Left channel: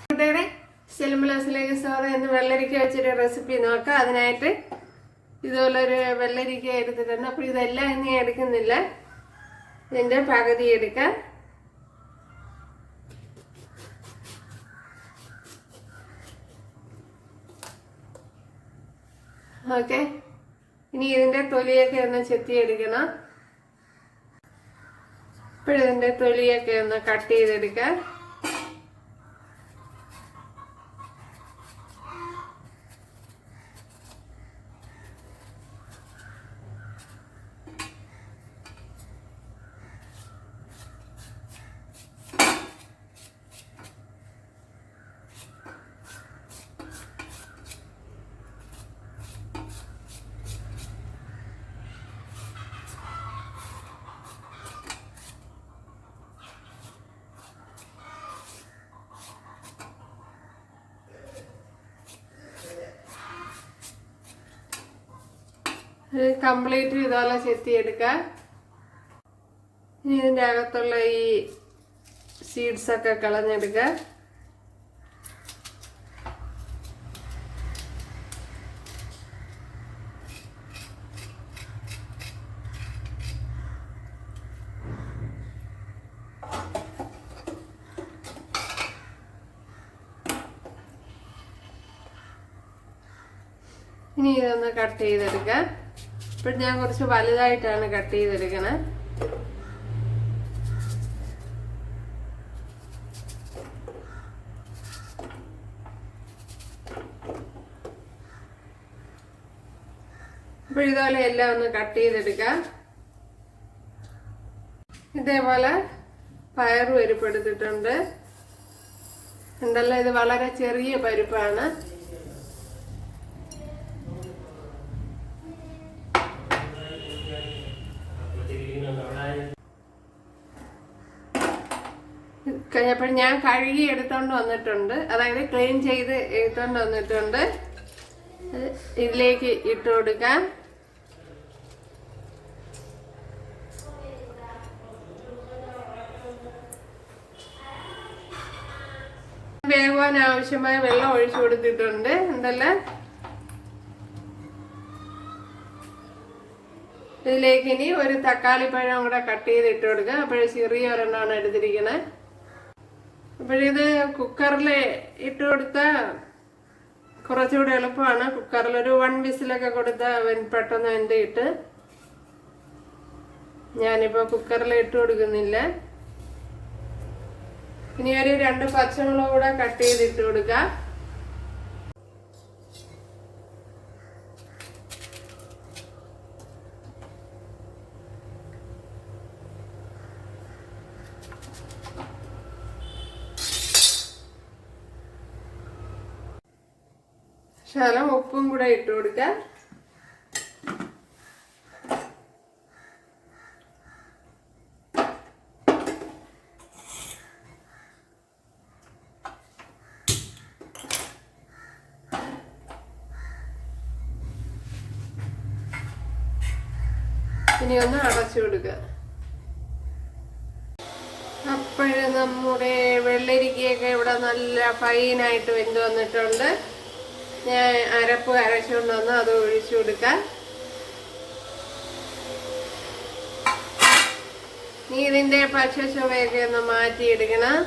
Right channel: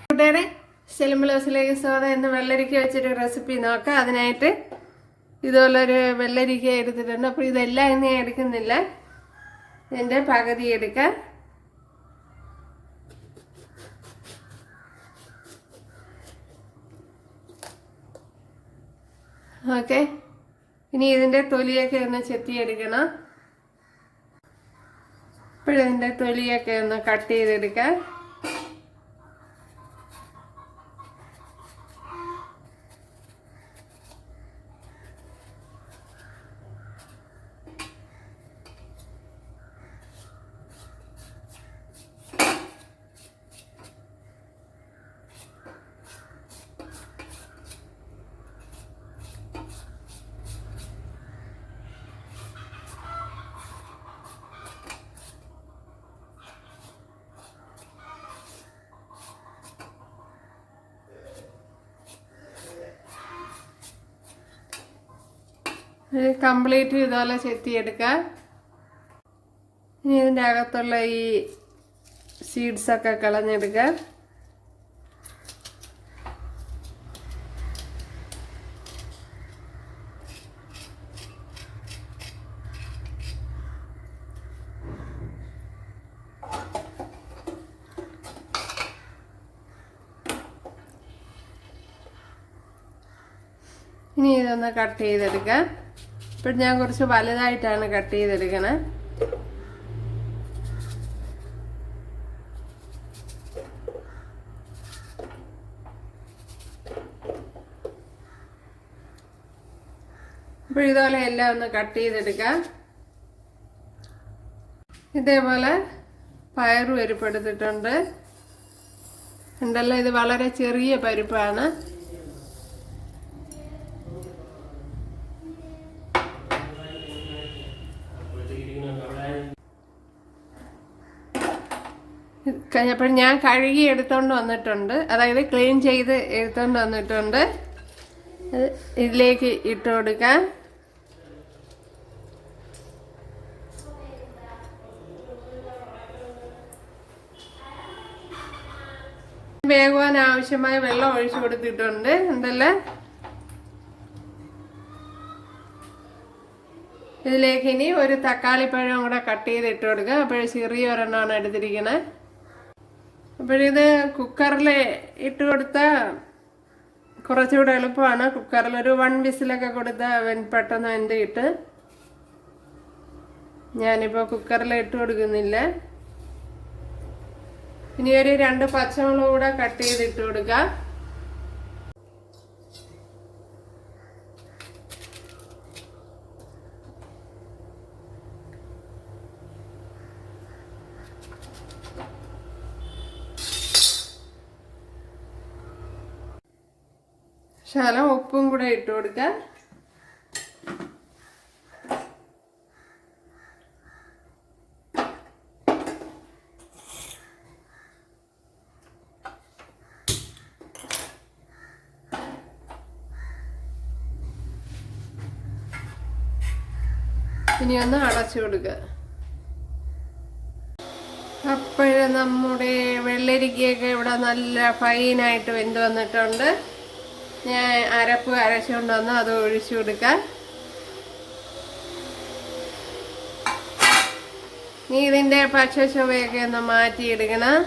കൂട്ടുകാരെ, സെലിംബ്ലസിലേക്ക് സ്വാഗതം. എന്ന് വെള്ളരിക്ക വെച്ചൊരു റെസിപ്പി നോക്കാം. അതിനായിട്ട് ഇതുപോലൊരു വെള്ളരിക്ക എടുത്തിട്ടുണ്ട്. അപ്പോൾ ഇതെല്ലാം ഇന്ന് എടുക്കുന്നില്ല, ഇതിൻ്റെ പകുതി എടുക്കാം. ഓക്കെ, ഇനി ഇതിൻ്റെ തൊലിയൊക്കെ ഒന്ന് ചെത്തിയെടുക്കണം. ഇപ്പോഴിതിൻ്റെ തൊലിയൊക്കെ ഒന്ന് കട്ട് ചെയ്തെടുക്കാം. കംപ്ലീറ്റ് ഇതുപോലെ ചെത്തിയെടുക്കാം. ഇനി ഇതിൻ്റെ അകത്തുള്ള ഈ സീഡ്സൊക്കെ കളഞ്ഞെടുക്കാം. ഇനി ഇതൊന്ന് കട്ട് ചെയ്തെടുക്കാം. ഇപ്പോൾ ഞാൻ കുറച്ച് വലുതായിട്ടാണ് കട്ട് ചെയ്തെടുക്കണേ. അപ്പോൾ ഇതുപോലെ എല്ലാം ഒന്ന് കട്ട് ചെയ്തെടുക്കാം. ഇതേപോലെ പയറ് പരിപ്പെടുത്തിട്ടുണ്ട്. ഉണ്ടല്ലോ, ഇത് വളരെ ചെറിയ പരിപ്പാണ്. അപ്പോൾ ഞാൻ കഴുകി എടുത്തോണ്ട് വന്നിട്ടുണ്ട്, അതായത് ക്ലീൻ ചെയ്ത് എടുത്തോണ്ട് വന്നിട്ടുണ്ട്. ഇതിലേക്ക് ഇട്ട് കൊടുക്കാം. വേവാൻ ആവശ്യമായ വെള്ളം ഒഴിച്ചു കൊടുത്തിട്ടുണ്ട്. എന്തല്ലേ, ഇതിലേക്ക് ഇനി ഒരു തക്കാളിപ്പഴം കൂടെ കട്ട് ചെയ്ത് ഇട്ട് കൊടുക്കുക. അപ്പോൾ ചെറിയ ഒരെണ്ണമാണ് എടുത്തിരിക്കണേ. അപ്പോഴിത് കുക്കറിൽ ഇട്ട് കൊടുത്താൽ കുറച്ചുകൂടെ എളുപ്പമാണ്. കുക്കറിൽ ഒരു 1 വിസിലൊക്കെ കൊടുത്താൽ പെട്ടെന്ന് വെന്തിട്ട്. ഞാനിപ്പോൾ കുക്കറിൽ ഇട്ട് കൊടുക്കുന്നില്ല. ഇനി ഒരു 2 പച്ചമുളക് കൂടെ കട്ട് ചെയ്ത് ഇട്ട് കൊടുക്കാം. ശകലം ഉപ്പും കൂടെ ഇട്ട് കൊടുക്കാം. ഇനി ഒന്ന് അടച്ചു കൊടുക്കുക. അപ്പോഴേ നമ്മുടെ വെള്ളരിക്കയൊക്കെ ഇവിടെ നല്ല ഫൈനായിട്ട് വെന്ത് വന്നിട്ടുണ്ട്. ഞാൻ അരപ്പ് അരച്ചുകൊണ്ട് വന്ന് അത് ഒഴിച്ചു കൊടുക്കാം. ഇനി ഇതിൻ്റെ പച്ച ചുവയൊക്കെ ഒന്ന് മാറ്റിയെടുക്കണം.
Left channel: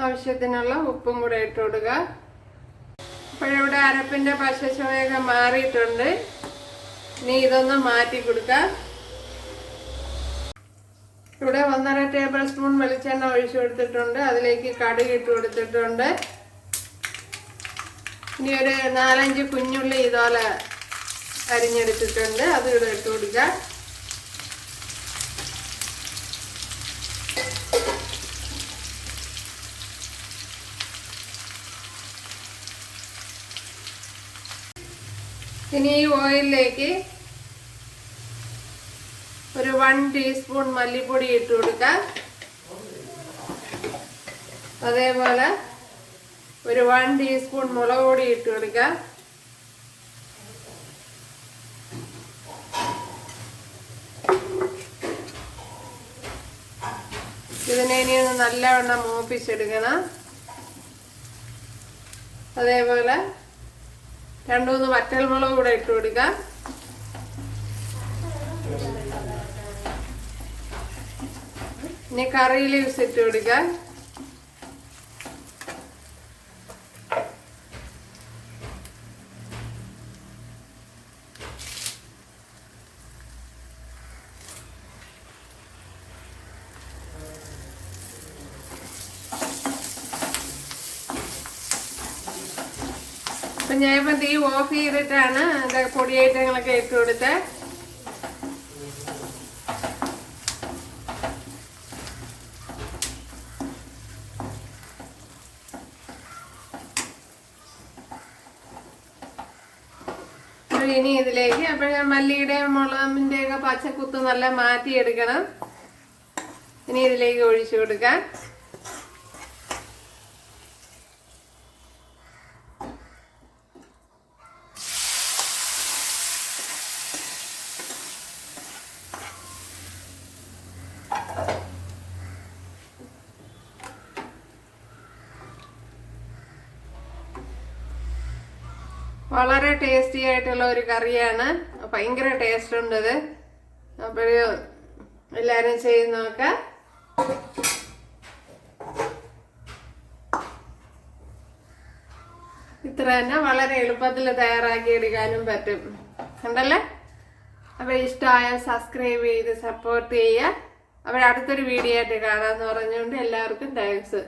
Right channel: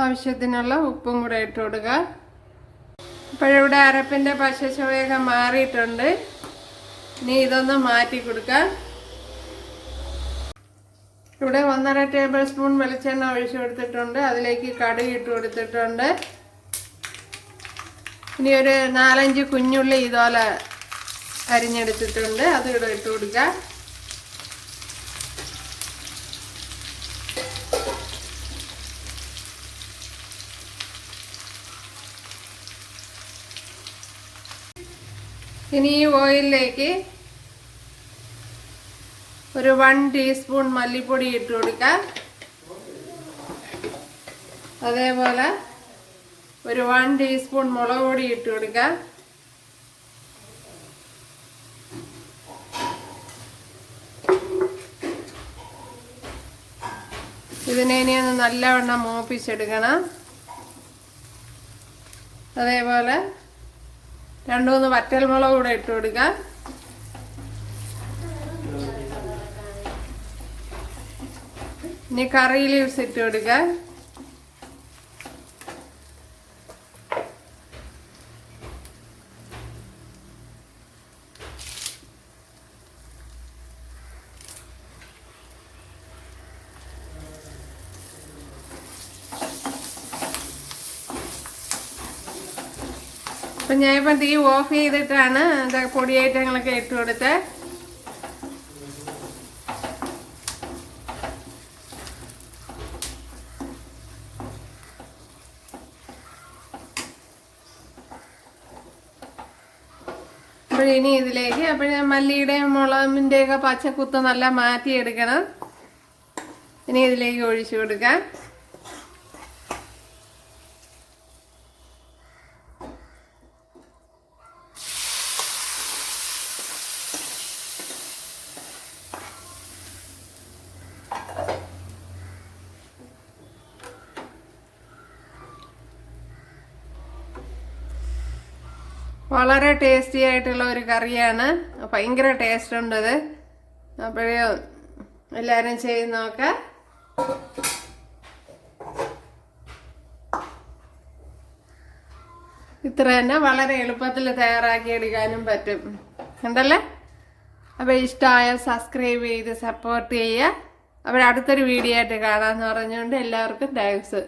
ആവശ്യത്തിനുള്ള ഉപ്പും കൂടെ ഇട്ട് കൊടുക്കുക. ഇപ്പോഴിവിടെ അരപ്പിൻ്റെ പച്ച ചുവയൊക്കെ മാറിയിട്ടുണ്ട്. ഇനി ഇതൊന്ന് മാറ്റി കൊടുക്കാം. ഇവിടെ 1½ ടേബിൾ സ്പൂൺ വെളിച്ചെണ്ണ ഒഴിച്ചു കൊടുത്തിട്ടുണ്ട്. അതിലേക്ക് കടുക് ഇട്ട് കൊടുത്തിട്ടുണ്ട്. ഇനി ഒരു 4-5 കുഞ്ഞുള്ളി ഇതുപോലെ അരിഞ്ഞെടുത്തിട്ടുണ്ട്, അത് ഇവിടെ ഇട്ട് കൊടുക്കാം. ഇനി ഈ ഓയിലിലേക്ക് ഒരു 1 ടീസ്പൂൺ മല്ലിപ്പൊടി ഇട്ട് കൊടുക്കാം. അതേപോലെ ഒരു 1 ടീസ്പൂൺ മുളക് പൊടി ഇട്ട് കൊടുക്കാം. ഇതിനെ ഇനി ഒന്ന് നല്ലവണ്ണം മൂപ്പിച്ചെടുക്കണം. അതേപോലെ 2-3 വറ്റൽമുളക് കൂടെ ഇട്ട് കൊടുക്കാം. ഇനി കറി ലീവ്സ് ഇട്ട് കൊടുക്കാം. അപ്പം ഞാനിപ്പം തീ ഓഫ് ചെയ്തിട്ടാണ് പൊടി ഐറ്റങ്ങളൊക്കെ ഇട്ട് കൊടുത്തത്. അപ്പോൾ ഇനി ഇതിലേക്ക് ഞാൻ മല്ലിയുടെയും മുളകിൻ്റെയൊക്കെ പച്ചക്കുത്ത് നല്ല മാറ്റിയെടുക്കണം. ഇനി ഇതിലേക്ക് ഒഴിച്ചു കൊടുക്കാം. വളരെ ടേസ്റ്റി ആയിട്ടുള്ള ഒരു കറിയാണ്. ഭയങ്കര ടേസ്റ്റ് ഉണ്ട് ഇത്. അപ്പോഴും എല്ലാവരും ചെയ്ത് നോക്കാം. ഇത്ര തന്നെ വളരെ എളുപ്പത്തിൽ തയ്യാറാക്കി എടുക്കാനും പറ്റും. ഉണ്ടല്ലേ? അപ്പോൾ ഇഷ്ടമായ സബ്സ്ക്രൈബ് ചെയ്ത് സപ്പോർട്ട് ചെയ്യുക. അപ്പോൾ അടുത്തൊരു വീഡിയോ ആയിട്ട് കാണാമെന്ന് പറഞ്ഞുകൊണ്ട് എല്ലാവർക്കും താങ്ക്സ്.